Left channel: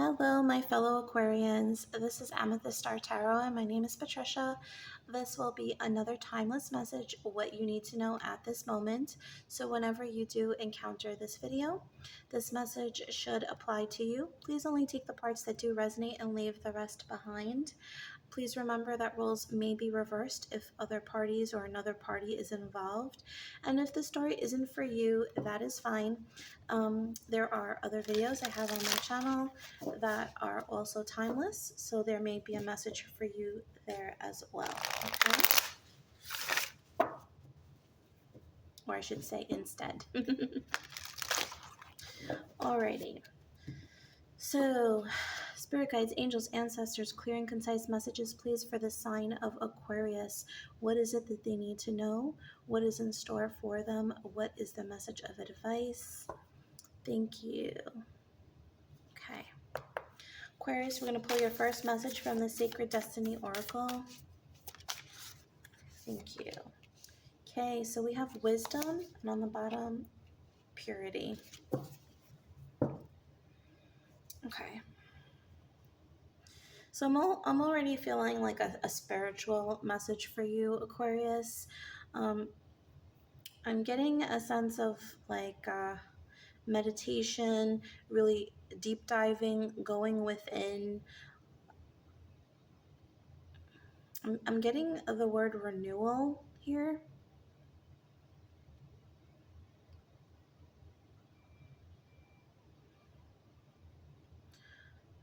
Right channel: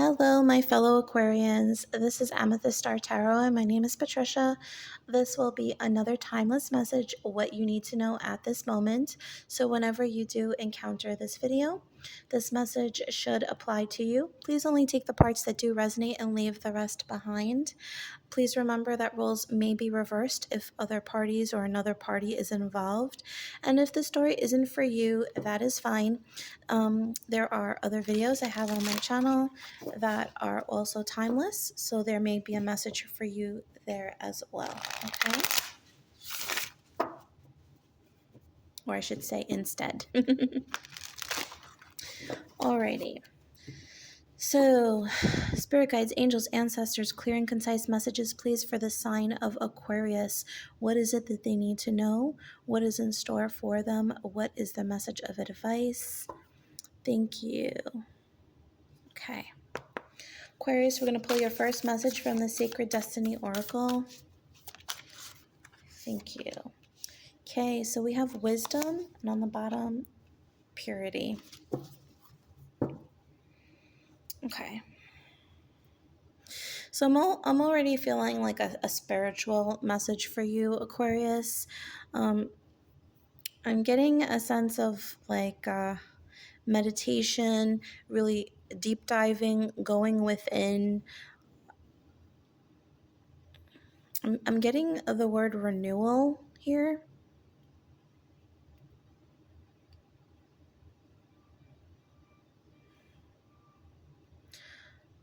Hello, my fellow Aquarians. This is Amethyst Star Tarot, and my name is Patricia. This will be another timeless message, what you need to know at this moment. So, whenever you do encounter this video, this message should apply to you. Please only take the parts that do resonate and leave the rest behind. Please remember that roles may be reversed if other parties or another party is involved. And if the story isn't for you, that is fine. There are other videos I have on my channel that are also timeless, so there may be a message for you there as well. Okay? Or I should say instead. Alrighty. So, spirit guides, angels, ancestors, clear and concise messages, please, for the sign of Aquarius. What is it that they need to know? What is in store for them? What is the message of advice? Thank you. Okay. Aquarius, we're going to pull your first message from the Sacred Destiny Oracle. Thank you. Okay, so we have wisdom, and on the bottom, purity. Okay. So I'm already feeling like a spiritual message for you, Aquarius. I'm getting a sense of like meditation, really deep diving, going within. I'm getting the word renewal here.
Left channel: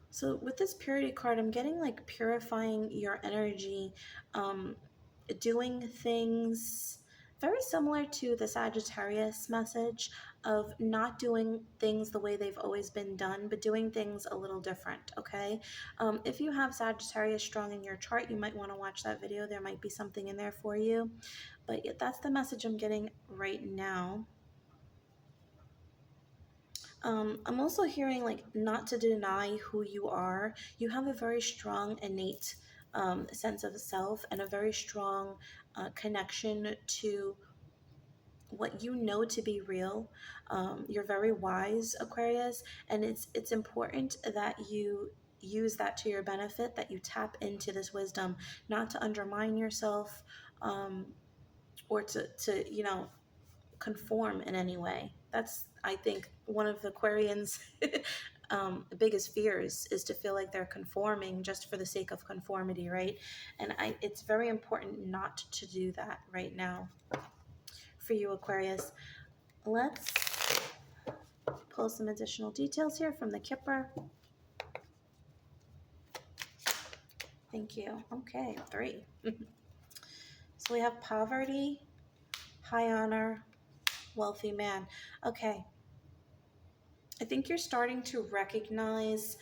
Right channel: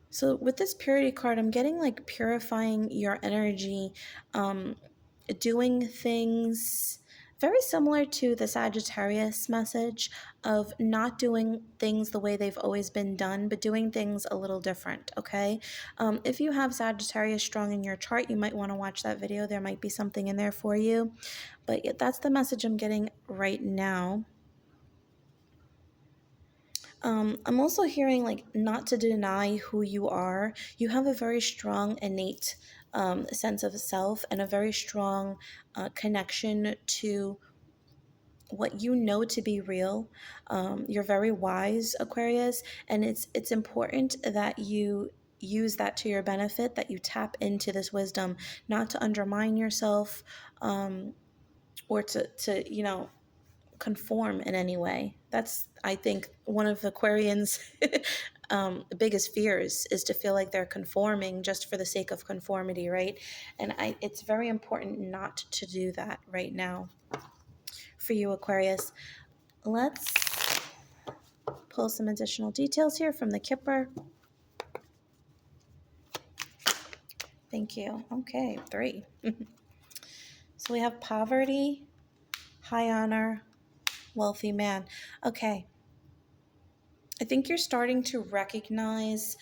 So with this purity card, I'm getting like purifying your energy, doing things very similar to the Sagittarius message of not doing things the way they've always been done, but doing things a little different, okay? If you have Sagittarius strong in your chart, you might want to watch that video. There might be something in there for you. But yeah, that's the message I'm getting right now. I'm also hearing like not to deny who you are. You have a very strong innate sense of self and a very strong connection to what you know to be real. You're very wise, Aquarius, and it's important that you use that to your benefit, that you tap into this wisdom, not to undermine yourself, or to conform in any way. That's, I think, one of Aquarians' biggest fears is to feel like they're conforming just for the sake of conformity, right? And it's very important not to do that right now for you, Aquarius. Let's pull some additional details here from the Kipper. Thank you. Okay, 3. So we have poverty, high honor, wealthy man. Okay. I think you're starting to recognize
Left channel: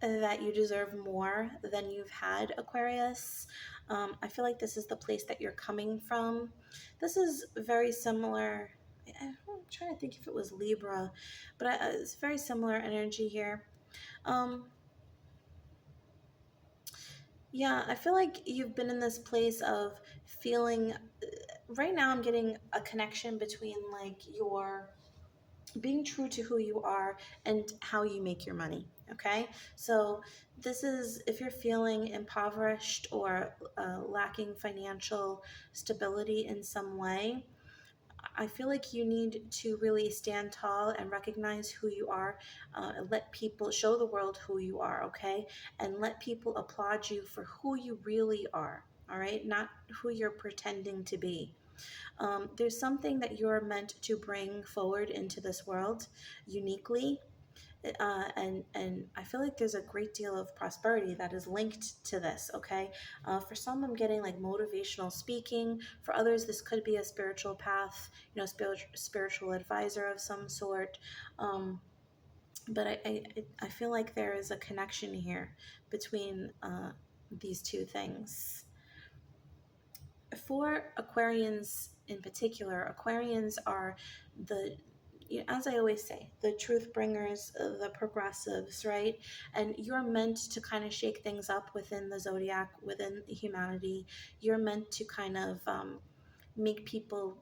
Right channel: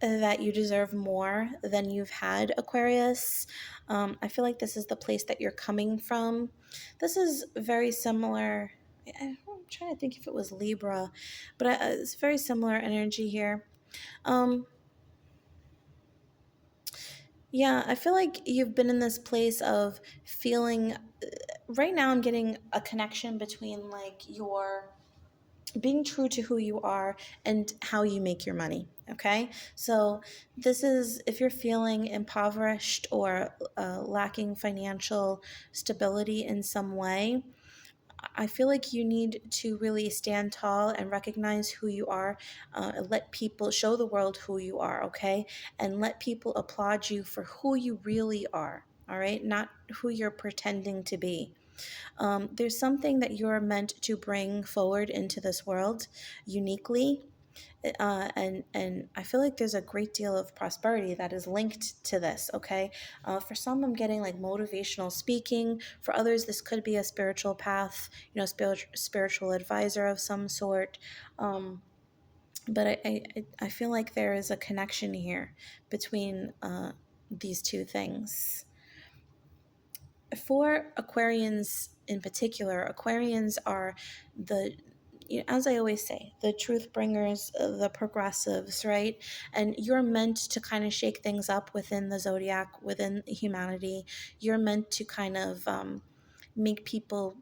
that you deserve more than you've had, Aquarius. I feel like this is the place that you're coming from. This is very similar. I'm trying to think if it was Libra, but it's very similar energy here. Yeah, I feel like you've been in this place of feeling. Right now, I'm getting a connection between like your being true to who you are and how you make your money. Okay, so this is if you're feeling impoverished or lacking financial stability in some way. I feel like you need to really stand tall and recognize who you are. Let people show the world who you are, okay? And let people applaud you for who you really are, all right? Not who you're pretending to be. There's something that you're meant to bring forward into this world uniquely. And I feel like there's a great deal of prosperity that is linked to this. Okay, for some, I'm getting like motivational speaking. For others, this could be a spiritual path. Spiritual advisor of some sort. But I feel like there is a connection here between these two things. For Aquarians in particular, Aquarians are as I always say, the truth bringers, the progressives, right? And you're meant to kind of shake things up within the zodiac, within humanity. You're meant to kind of make people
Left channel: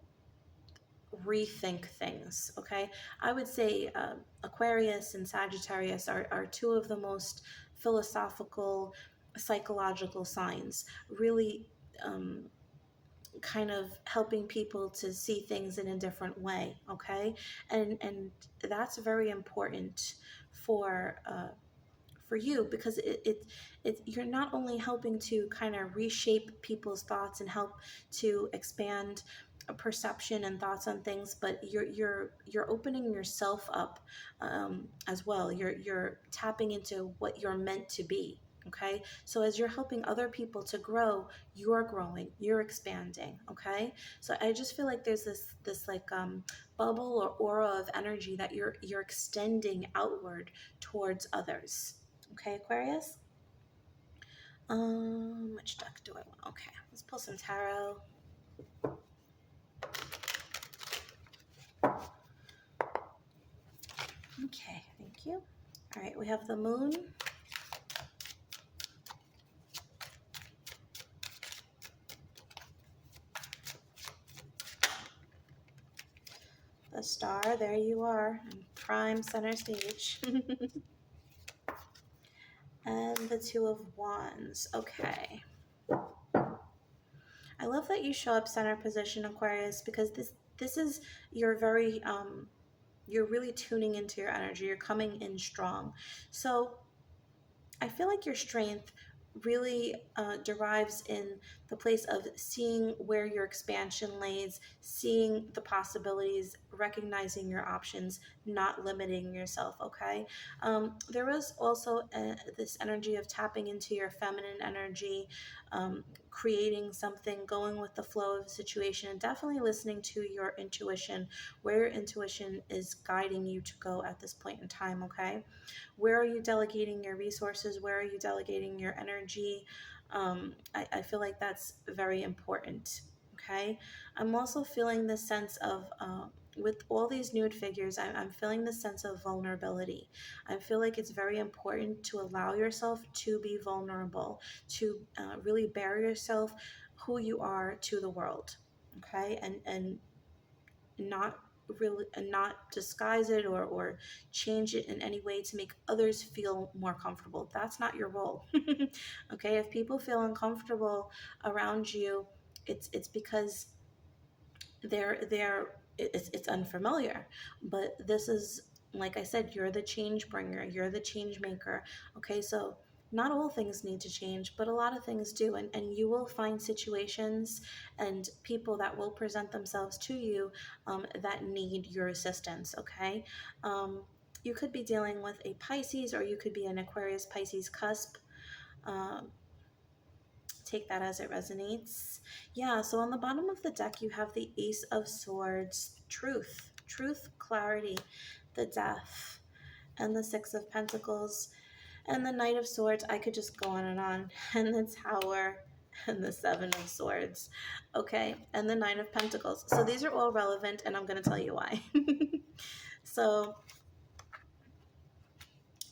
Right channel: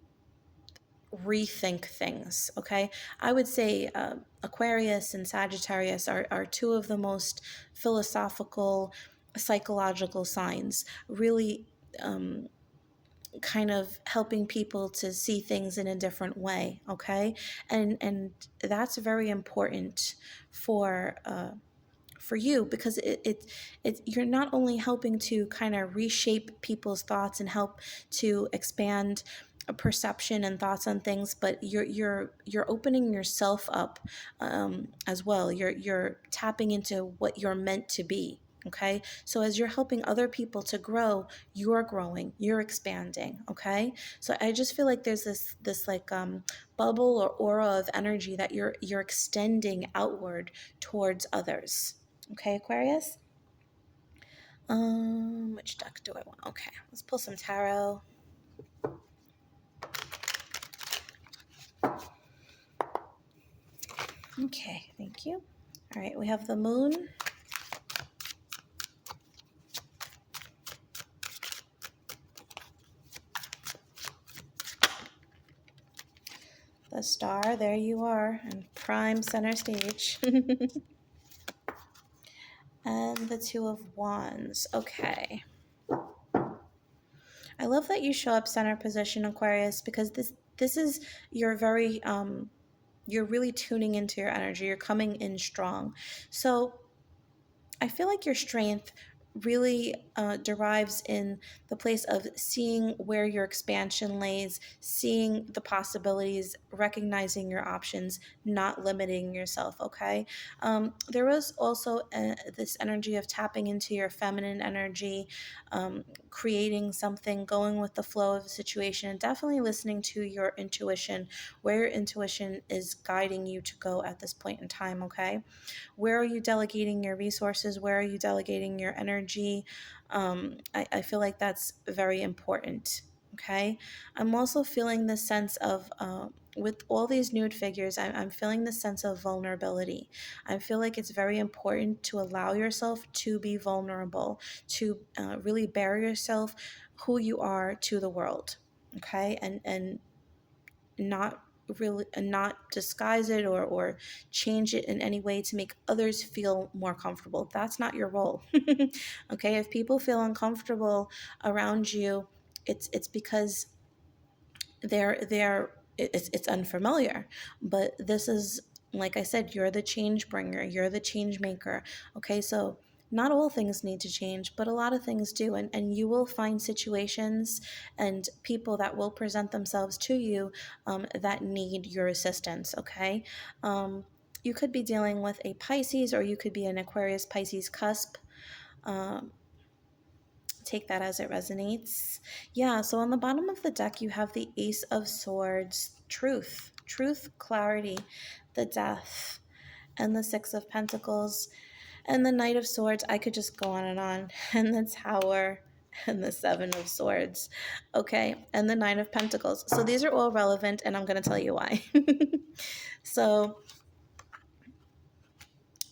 rethink things. Okay, I would say Aquarius and Sagittarius are two of the most philosophical, psychological signs. Really. Kind of helping people to see things in a different way, okay, and that's very important for for you, because you're not only helping to kind of reshape people's thoughts and help to expand a perception and thoughts on things, but you're opening yourself up as well. You're tapping into what you're meant to be. Okay, so as you're helping other people to grow, you're growing, you're expanding. Okay, so I just feel like there's this like bubble or aura of energy that you're extending outward towards others. Okay, Aquarius. Which deck do I want? Okay, let's pull some tarot. Okay, thank you. All right, we have the moon, the star, there you are, in prime center stage, and the two of wands. Okay. I love that you show up center position, Aquarius, because this is your very you're really tuning into your energy. You're coming in strong. So I feel like your strength really derives in the place of seeing where your expansion lays, seeing the possibilities, recognizing your options, not limiting yourself. Okay. There was also this energy of tapping into your feminine energy, creating something, going with the flow of the situation, and definitely listening to your intuition, where your intuition is guiding you to go at this point in time. Okay. Where are you delegating your resources? Where are you delegating your energy? I feel like that's very important. Okay. I'm also feeling this sense of, with all these nude figures, I'm feeling this sense of vulnerability. I feel like it's very important to allow yourself to be vulnerable, to really bare yourself, who you are, to the world. Okay. And not really, and not disguise it or change it in any way to make others feel more comfortable. That's not your role. Okay, if people feel uncomfortable around you, it's because it's unfamiliar. But this is, like I said, you're the change bringer, you're the change maker. Okay, so not all things need to change, but a lot of things do, and you will find situations and people that will present themselves to you that need your assistance. Okay, you could be dealing with a Pisces, or you could be an Aquarius Pisces cusp. um, Take that as it resonates. Yeah, so on the bottom of the deck, you have the Ace of Swords, truth, clarity, the Death, and the Six of Pentacles, and the Knight of Swords. I could just go on, and the Tower, and the Seven of Swords. Okay, and the Nine of Pentacles. So these are all relevant, and I'm going to tell you why. So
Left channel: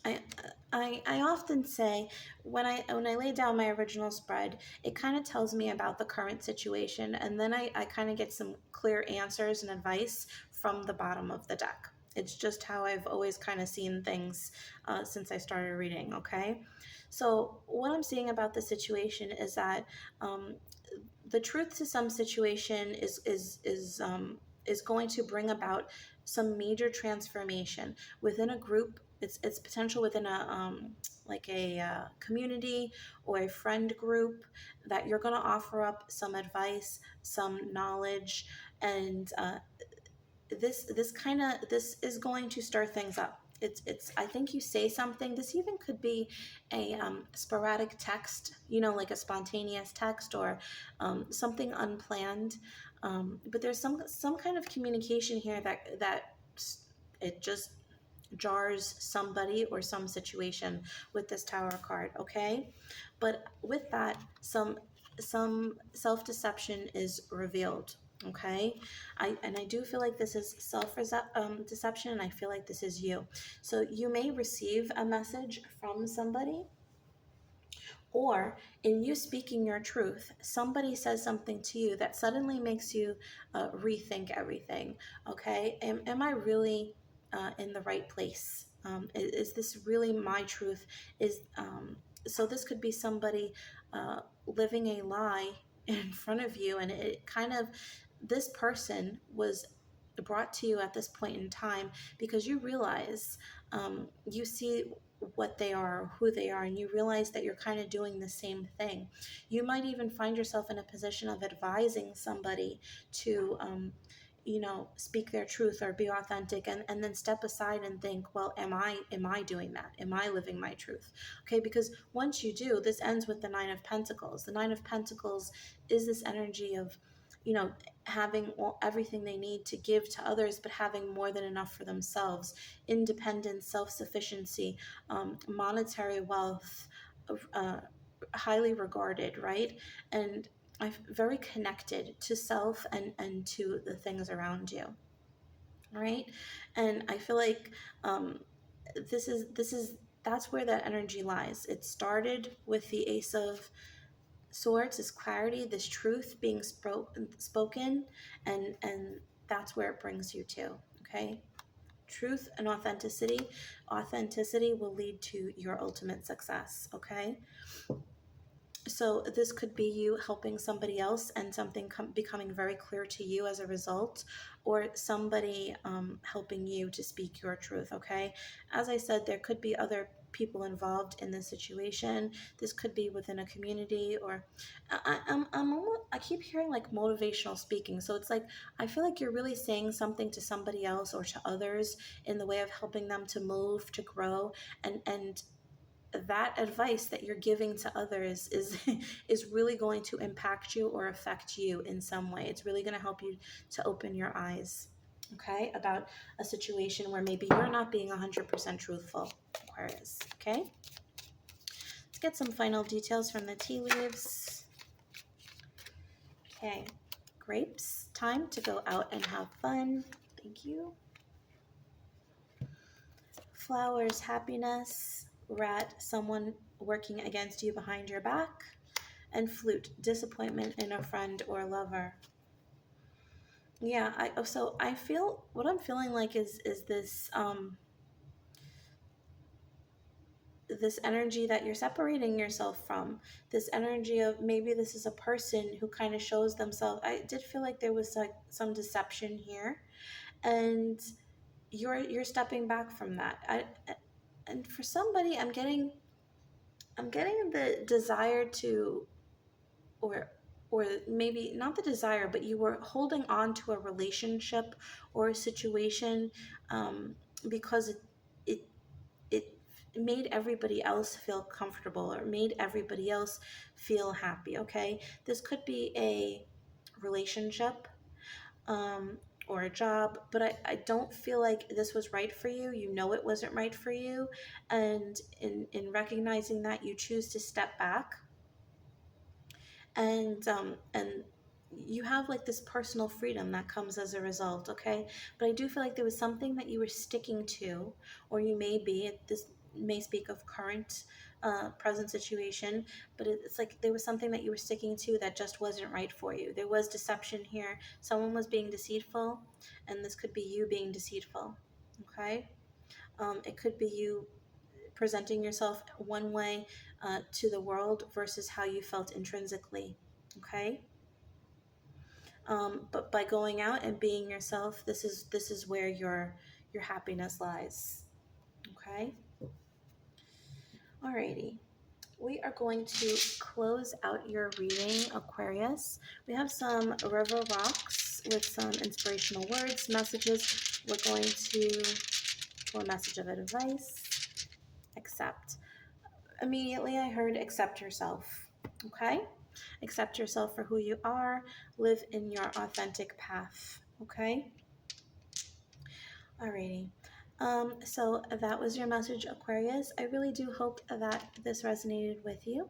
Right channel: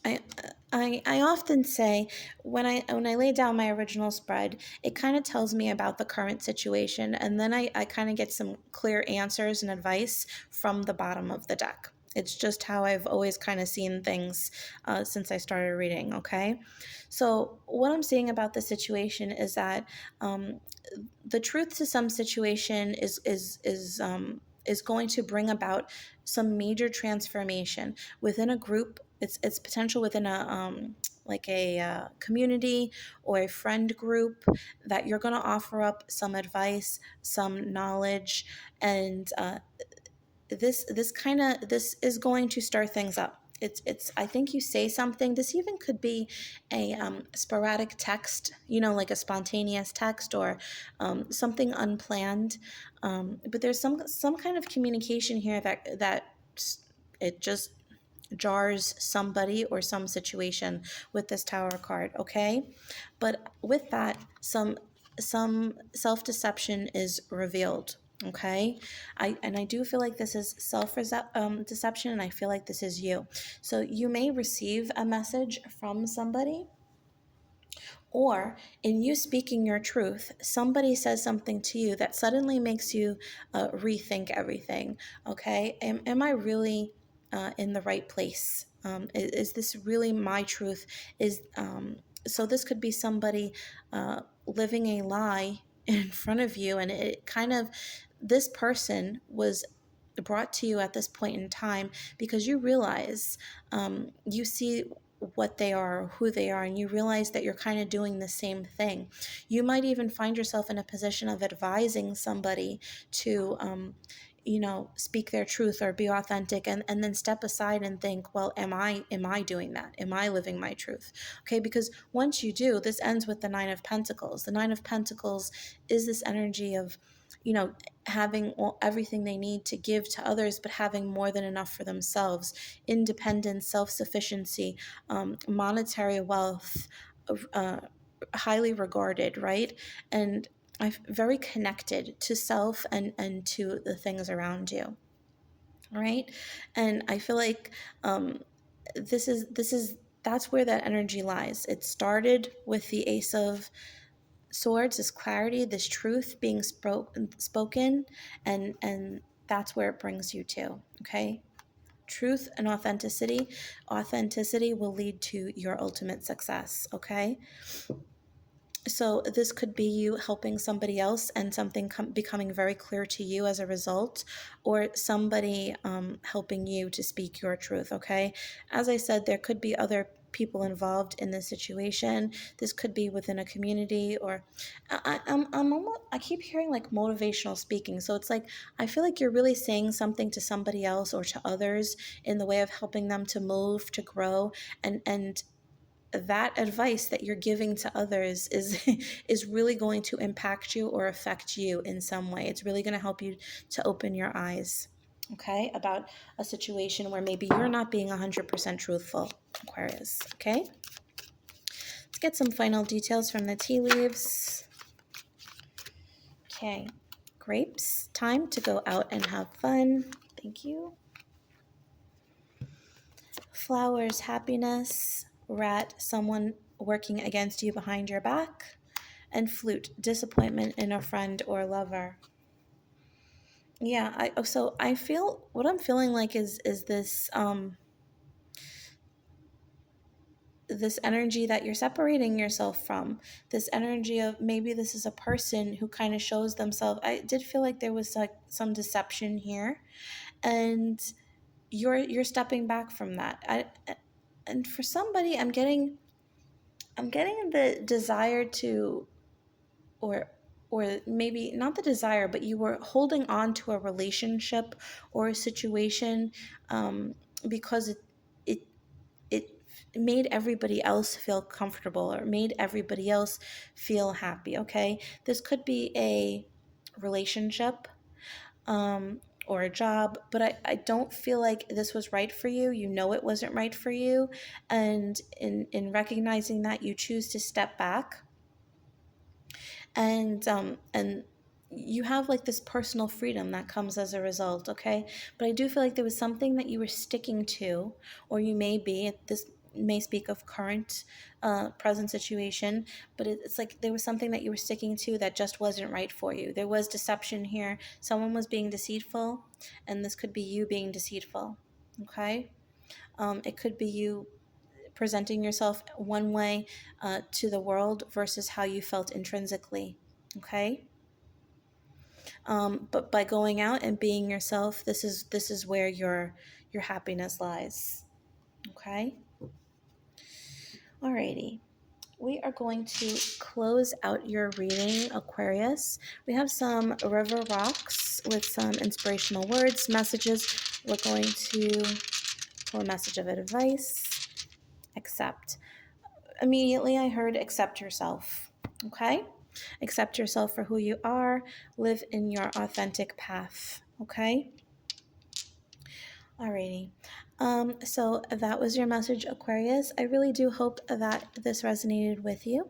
I, I often say, when I lay down my original spread, it kind of tells me about the current situation, and then I kind of get some clear answers and advice from the bottom of the deck. It's just how I've always kind of seen things since I started reading. Okay, so what I'm seeing about the situation is that um, the truth to some situation is going to bring about some major transformation within a group. It's potential within a like a community or a friend group, that you're going to offer up some advice, some knowledge, and this is going to stir things up. It's I think you say something. This even could be a sporadic text, like a spontaneous text, or something unplanned. But there's some kind of communication here that it just jars somebody or some situation with this Tower card. Okay, but with that, some self-deception is revealed. Okay, I do feel like this is deception, and I feel like this is you. So you may receive a message from somebody, Or in you speaking your truth, somebody says something to you that suddenly makes you rethink everything. Okay, am I really in the right place? Is this really my truth? Is So this could be somebody living a lie in front of you, and it kind of, this person was brought to you at this point in time because you realize, you see what they are, who they are, and you realize that you're kind of doing the same thing. You might even find yourself in a position of advising somebody to, speak their truth or be authentic, and then step aside and think, well, am I doing that? Am I living my truth? Okay, because once you do, this ends with the Nine of Pentacles. The Nine of Pentacles is this energy of, having everything they need to give to others, but having more than enough for themselves, independence, self-sufficiency, monetary wealth, uh, highly regarded, right? And I'm very connected to self and to the things around you, right? And I feel like, this is that's where that energy lies. It started with the Ace of Swords, this clarity, this truth being spoken, and that's where it brings you to. Okay, truth and authenticity. Authenticity will lead to your ultimate success. Okay, so this could be you helping somebody else and something becoming very clear to you as a result, or somebody helping you to speak your truth. Okay, as I said, there could be other people involved in this situation. This could be within a community, or I keep hearing like motivational speaking, so it's like I feel like you're really saying something to somebody else or to others in the way of helping them to move, to grow, and that advice that you're giving to others is is really going to impact you or affect you in some way. It's really going to help you to open your eyes, okay, about a situation where maybe you're not being 100% truthful, Aquarius. Okay, let's get some final details from the tea leaves. Okay, grapes, time to go out and have fun. Thank you. Flowers, happiness. Rat, someone working against you behind your back. And flute, disappointment in a friend or lover. Yeah, I feel, what I'm feeling like is this energy that you're separating yourself from, this energy of maybe this is a person who kind of shows themselves. I did feel like there was like some deception here, and you're stepping back from that. And for somebody, I'm getting the desire to, or maybe not the desire, but you were holding on to a relationship or a situation, because it it made everybody else feel comfortable or made everybody else feel happy. Okay, this could be a relationship, um, or a job, but I don't feel like this was right for you. You know it wasn't right for you, and in recognizing that, you choose to step back, and you have like this personal freedom that comes as a result. Okay, but I do feel like there was something that you were sticking to, or you may be, this may speak of current, present situation, but it's like there was something that you were sticking to that just wasn't right for you. There was deception here. Someone was being deceitful, and this could be you being deceitful. Okay, it could be you presenting yourself one way, to the world versus how you felt intrinsically. Okay, but by going out and being yourself, this is where your happiness lies. Okay, alrighty. We are going to close out your reading, Aquarius. We have some river rocks with some inspirational words, messages. We're going to pull a message of advice. Accept. Immediately I heard accept yourself. Okay? Accept yourself for who you are. Live in your authentic path. Okay? Alrighty. So that was your message, Aquarius. I really do hope that this resonated with you.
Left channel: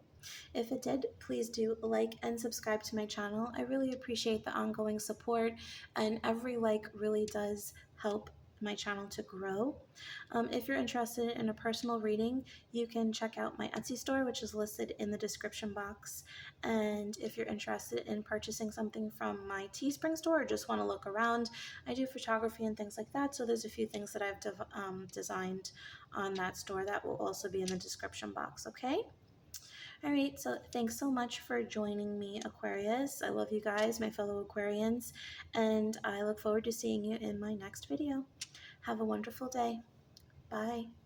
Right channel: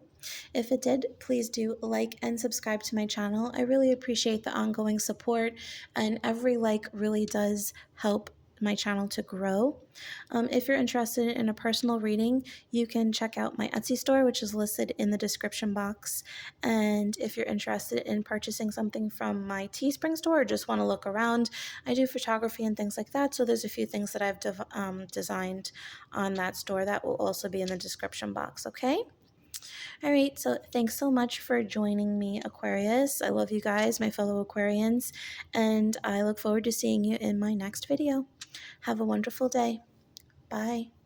If it did, please do like and subscribe to my channel. I really appreciate the ongoing support, and every like really does help my channel to grow. If you're interested in a personal reading, you can check out my Etsy store, which is listed in the description box. And if you're interested in purchasing something from my Teespring store or just want to look around, I do photography and things like that. So there's a few things that I've designed on that store that will also be in the description box, okay? All right, so thanks so much for joining me, Aquarius. I love you guys, my fellow Aquarians, and I look forward to seeing you in my next video. Have a wonderful day. Bye.